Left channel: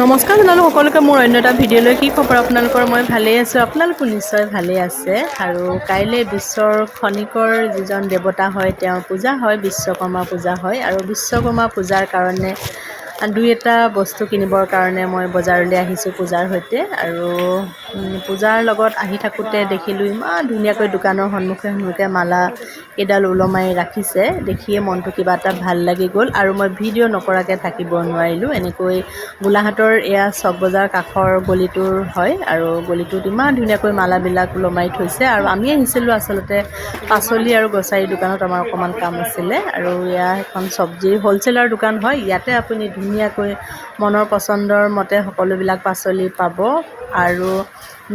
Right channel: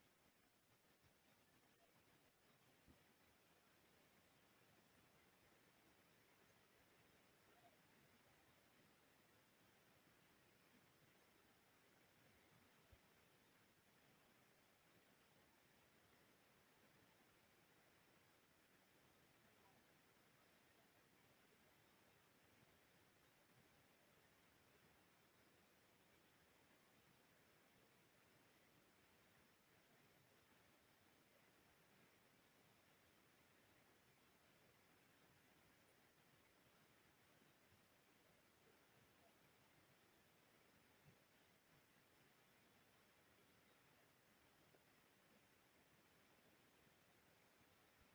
নমস্কাৰ জনালোঁ সকলোকে মোৰ অন্য এটা ভিডিঅ'লৈ। কি খবৰ আপোনালোকৰ? মই ভালেই আছোঁ, আপোনালোকো নিশ্চয় ভালেই আছে। আৰু কাইলৈ বিশ্বৰ খনিকৰ যিজন দেৱতা হয় তেওঁৰ পূজা হয়, বিশ্বকৰ্মা পূজা হয়। আৰু বিশ্বকৰ্মা পূজাৰ কাৰণে দুই এটা বস্তু কিনিবৰ কাৰণে মই বজাৰলৈ আহিছোঁ পূজাৰ সৈতে। আৰু পূজাৰ লগত আহি থাকোঁতে দেখিলোঁ ইমান ধুনীয়াকৈ দোকানৰ সন্মুখে মালা কেইডাল ওলমাই ৰাখিছে। দেখিয়ে মনটো কিবা এটা ভাল লাগি গ'ল আৰু মই ভিডিঅ' নকৰাকৈ থাকিব নোৱাৰিলোঁ। এনেকৈ গোলাঘাটৰ এয়া চক বজাৰ কাষৰ গলিটোৰ হয় আৰু গলিটোত ইমান ধুনীয়াকৈ মালাবিলাক ওলমাই থৈছে। আৰু আমি আহিছিলোঁ আচলতে পাচলি আৰু গ্ৰচাৰী দোকানত, আমাৰ অকণমান কাম আছিলে। আৰু এয়া এখন চব্জিৰ হ'লচেলাৰ দোকান হয়। ইয়াতে আপুনি ধুনীয়াকৈ মনৰ পচন্দৰ মতে সকলোবিলাক পাচলি পাব আৰু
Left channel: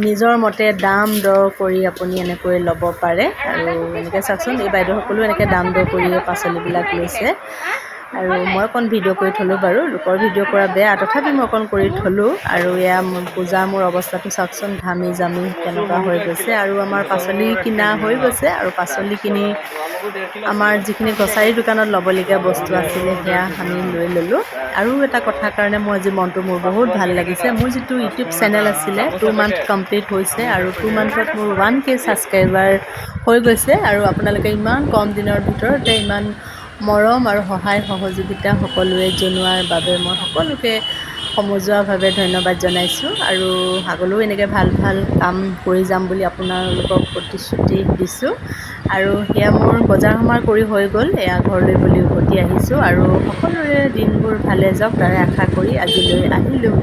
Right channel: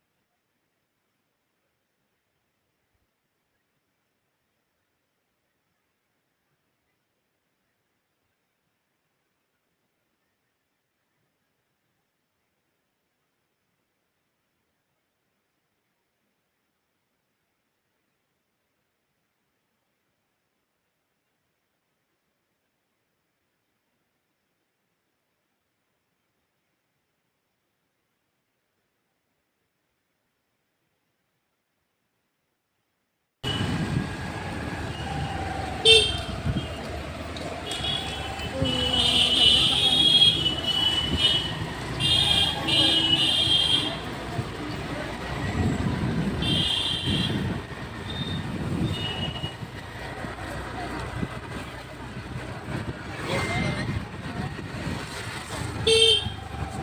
নিজৰ মতে দাম দৰ কৰি আপুনি এনেকৈ ল'ব পাৰে। আৰু এনেকৈ চাওকচোন, এই বাইদেউসকলেও এনেকৈ দাম দৰ কৰিয়ে পাচলিবিলাক লৈছে। আৰু মই অকণ ভিডিঅ' কৰি থ'লোঁ বাৰু, লোকৰ ভিডিঅ' কৰা বেয়া, তথাপি মই অকণ কৰি থ'লোঁ। আৰু এয়া পূজাৰ মোৰ অৱস্থাটো চাওকচোন, ঘামি জামি কেনেকুৱা হৈ গৈছে। আৰু আমাৰ পাচলি কিনা হৈ গৈছে আৰু পাচলি কিনি আমাৰ যিখিনি গ্ৰচাৰী দোকানত ল'বলগীয়া বস্তু আছিলে সেয়া আমি লৈ ল'লোঁ। আৰু এটা কথাৰ কাৰণে মোৰ আজি মনটো মোৰ বহুত ভাল লাগিছে। মোৰ যিটো ইউটিউব চেনেল আছিলে 2 মান্থ কমপ্লিট হৈছে আৰু 2 মান্থত মোৰ 1K ছাবস্ক্ৰাইবাৰ হৈ গৈছে। আৰু আপোনালোকে ইমান কম দিনৰ ভিতৰতে ইমান মৰম আৰু সহায় সহযোগিতা সকলোৱে জনোৱাৰ বাবে মই সকলোকে সমজুৱাভাৱে ধন্যবাদ জনাইছোঁ। আৰু আগলৈও এনেকৈ ভাল ভাল কাম কৰি যাম বুলি আপোনালোকক প্ৰতিশ্ৰুতি দিছোঁ। আৰু সেয়া মোৰ বজাৰ সমাৰ কৰি হৈ গ'ল, এয়া ঘৰলৈ বুলি উভতি আহিছোঁ। আৰু সকলোৰে দিনবোৰ ভালে যাওক তাৰে আশা কৰি আজিলৈ আহিলোঁ।